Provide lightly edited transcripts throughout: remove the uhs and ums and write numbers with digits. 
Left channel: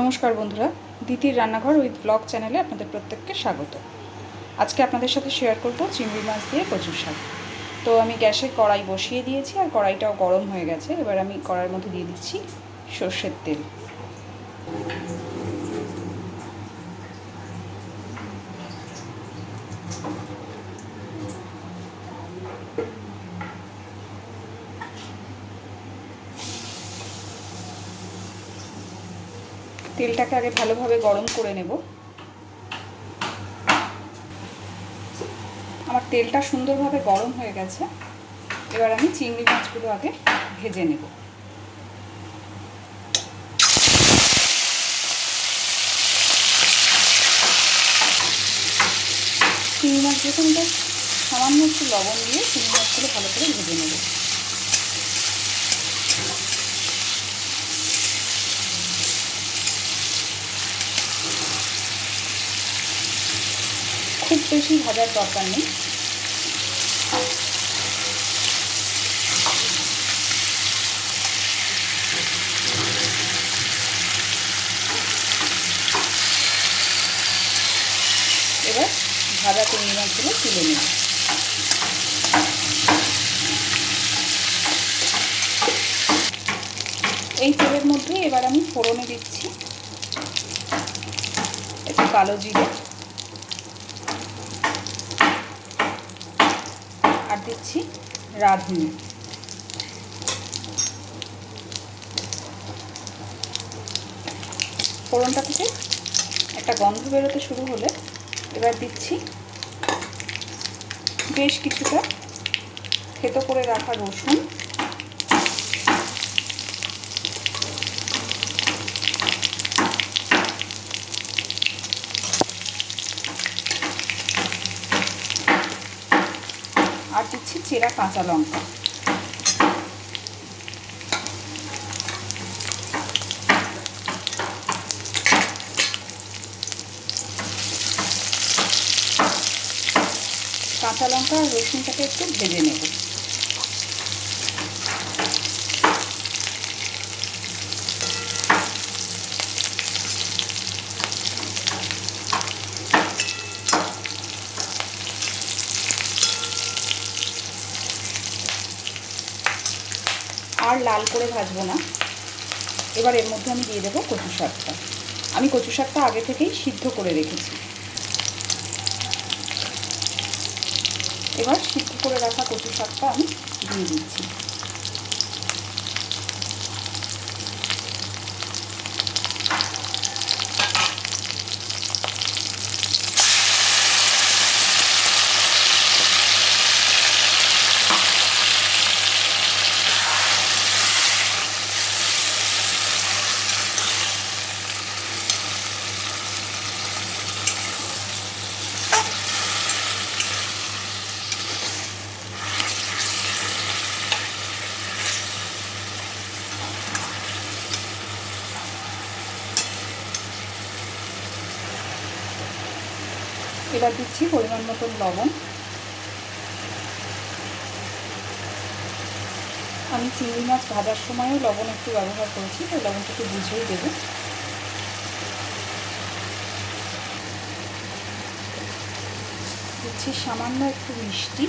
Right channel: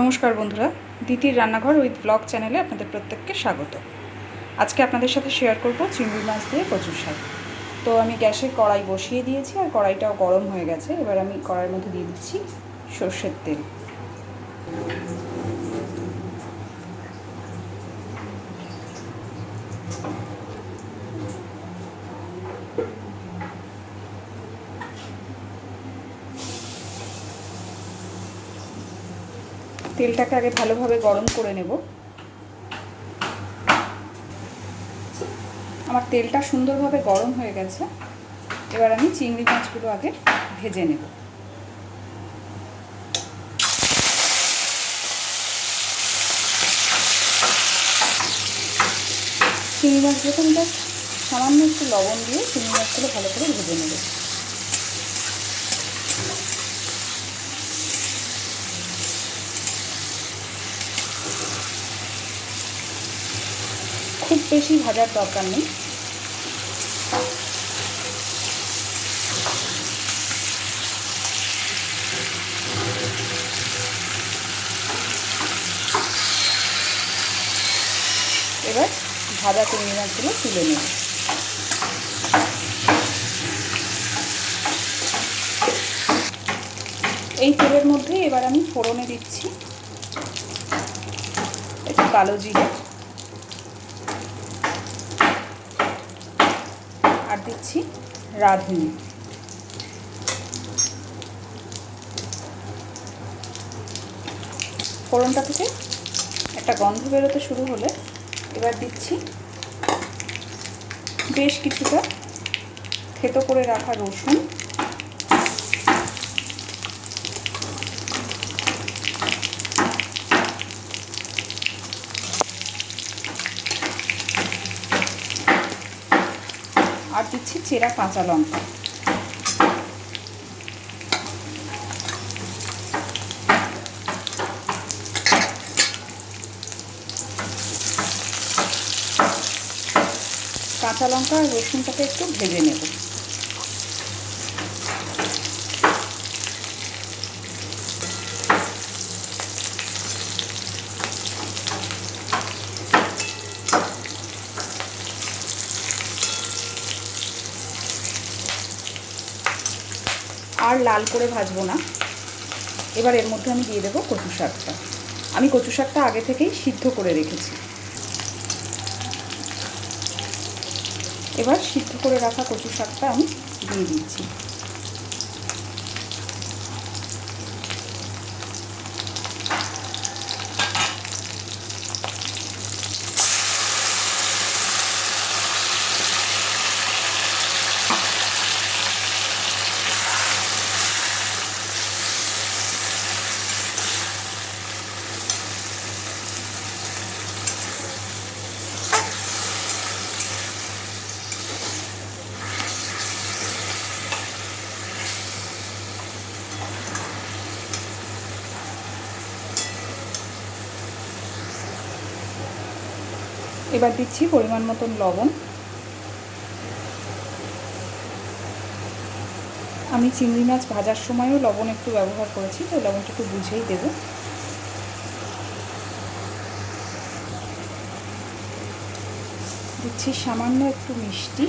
নমস্কার বন্ধুরা, দিতির রান্নাঘর উইথ ব্লগ চ্যানেলে আপনাদের প্রত্যেককে স্বাগত। আজকে আপনাদের সাথে শেয়ার করব চিংড়ি মাছ দিয়ে কচুর শাক। তো আমি গ্যাসে কড়াই বসিয়ে দিয়েছি আর কড়াইটাও গরম হয়ে গেছে। এবার আমি কড়াইয়ের মধ্যে দিয়ে দিচ্ছি সর্ষের তেল। তেলটাকে আগে ভালোভাবে গরম করে নেব। আমার তেলটা সুন্দরভাবে গরম হয়ে গেছে। এবার আমি চিংড়ি মাছগুলো আগে ভেজে নেব। চিংড়ি মাছ যখন জাস্ট সামান্য একটু লবণ দিয়ে চিংড়ি মাছগুলো ভালো করে ভেজে নেব। খুব বেশি ভাজার দরকার নেই। এবার ভাজা চিংড়ি মাছগুলো তুলে নেব। এই তেলের মধ্যে এবার আমি ফোড়নে দিচ্ছি একটু কালো জিরে, আর দিচ্ছি রাঁধুনি। ফোড়নটা থেকে একটা গন্ধ বেরোতে শুরু হলে এবার দিচ্ছি বেশ কিছুটা থেতো করে রাখা রসুন, আর দিচ্ছি চেরা কাঁচা লঙ্কা। কাঁচা লঙ্কা আর রসুনটাকে একটু ভেজে নেব। আর লাল করে ভাজবো না। এবার এর মধ্যে আমি দিয়ে দেবো কচু শাকটা। আমি কচু শাকটা আগে থেকেই সিদ্ধ করে রেখেছি। এবার সিদ্ধ করে রাখা কচু শাকটা আমি দিয়ে দিচ্ছি। এবার দিচ্ছি পরিমাণ মতন লবণ। আমি চিংড়ি মাছ ভাজার সময়ও লবণ একটু ব্যবহার করেছি, তাই লবণটা একটু বুঝেই দেব। দিচ্ছি সামান্য একটু মিষ্টি।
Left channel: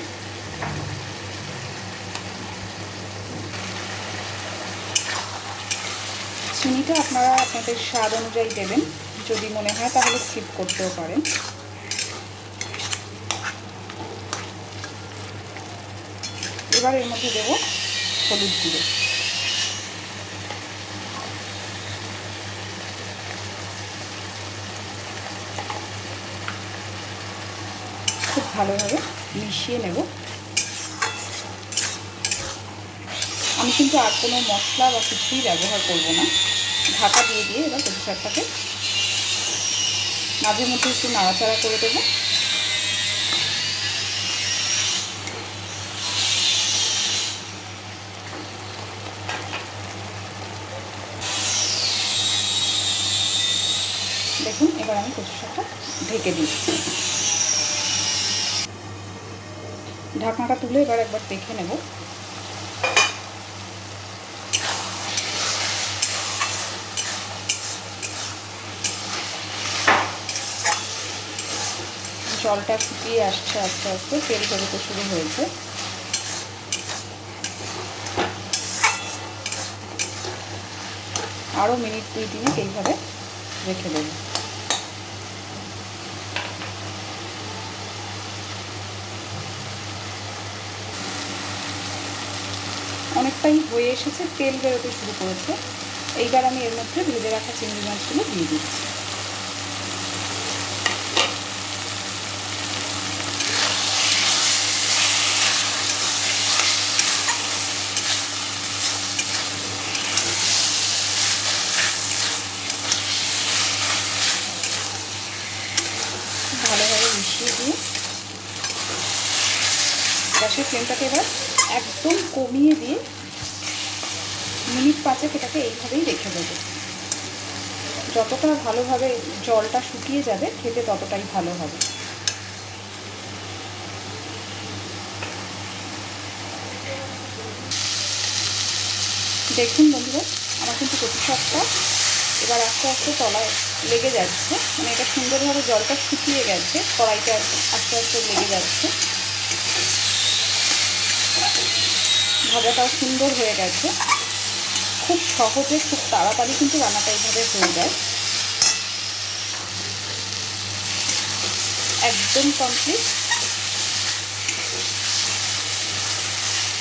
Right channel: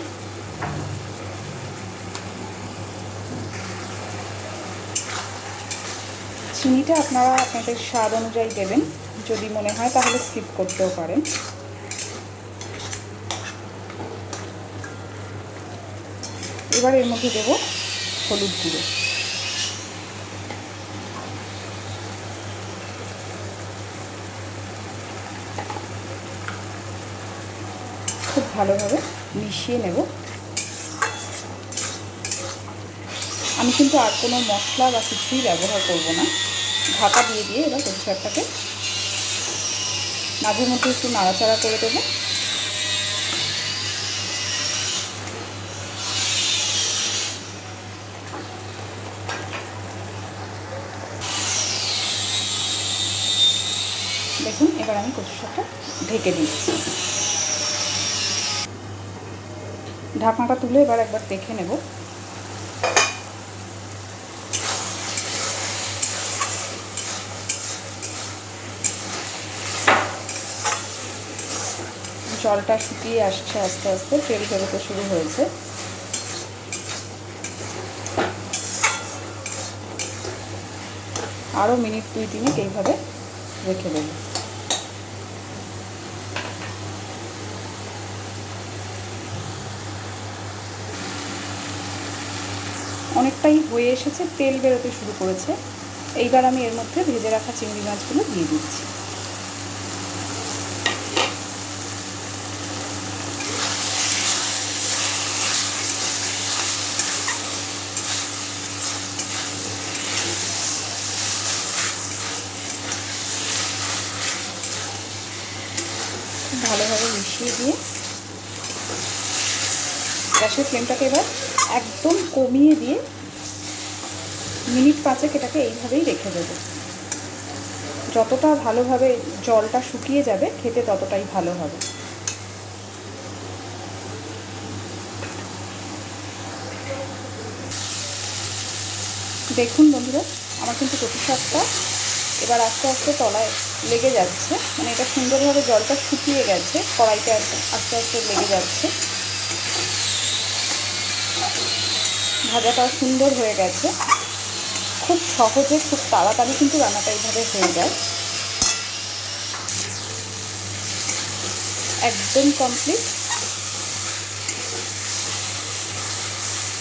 চিনিটা আপনারা আপনাদের স্বাদ অনুযায়ী দেবেন, যদি মনে হয় তাহলে স্কিপ করতেও পারেন। এবার এর মধ্যে দেব হলুদ গুঁড়ো। খুব ভালোভাবে মিশিয়ে নেব। আমি কিন্তু আর কোনো মশলা বা কিছুই ব্যবহার করব না। ঢাকা দিয়ে দিয়ে এবার কচু শাকটাকে মাঝে মধ্যে একটু নাড়াচাড়া করে দেব। দেখুন, এবার আমি কচু শাকটা ঢেকে দিচ্ছি। ঢাকনাটা তুলে এবার একবার দেখে নেব। জলটা শুকিয়ে আসছে, আস্তে আস্তে তেল বেরোতে শুরু হয়েছে। আরও মিনিট 2-3 এইভাবে রেখে দেব। অনেকটাই হয়ে এসেছে, তেল বেরোতে শুরু করেছে। এইবার আমি এর মধ্যে ভেজে রাখা চিংড়ি মাছগুলো দিয়ে দিচ্ছি। ভালোভাবে মিশিয়ে দিয়ে গ্যাসের ফ্লেমটাকে এবার একদম কমিয়ে দিয়ে মিনিট 5 এটাকে এইভাবেই রেখে দেবো। যতটা ভালোভাবে জলটা শুকিয়ে যাবে খেতে ততটাই ভালো হবে। দেখুন বন্ধুরা, আমার কিন্তু কচু শাকটা এবার আস্তে আস্তে তলায় লেগে যাচ্ছে, মানে এটা সুন্দরভাবে জলটা শুকিয়ে গেছে, কড়াইটা আস্তে আস্তে লেগে যাচ্ছে, ভাজাটাও সুন্দর হয়ে গেছে। খুব সহজে, খুব তাড়াতাড়ি কিন্তু রান্নাটা এইভাবে হয়ে যায়। একদম কমপ্লিট।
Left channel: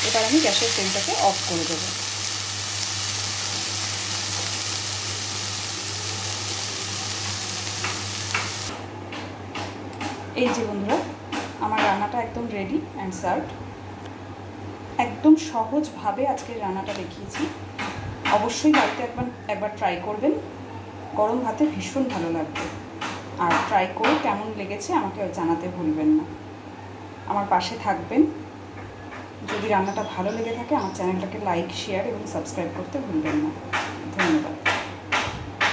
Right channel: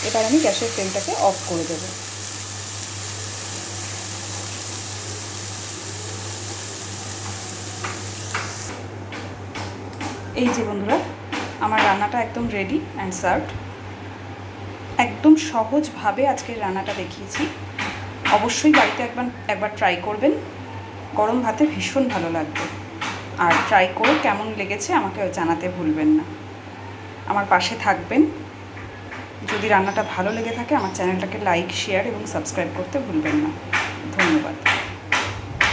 এবার আমি গ্যাসের ফ্লেমটাকে অফ করে দেবো। এই যে বন্ধুরা, আমার রান্নাটা একদম রেডি অ্যান্ড সার্ভড। একদম সহজভাবে আজকের রান্নাটা দেখিয়েছি। অবশ্যই বাড়িতে একবার ট্রাই করবেন। গরম ভাতে ভীষণ ভালো লাগবে। আর ট্রাই করে কেমন লেগেছে আমাকে জানাতে ভুলবেন না। আমার পাশে থাকবেন। যদি রান্নাটা ভালো লেগে থাকে আমার চ্যানেলটাকে লাইক, শেয়ার এবং সাবস্ক্রাইব করতে ভুলবেন না। ধন্যবাদ।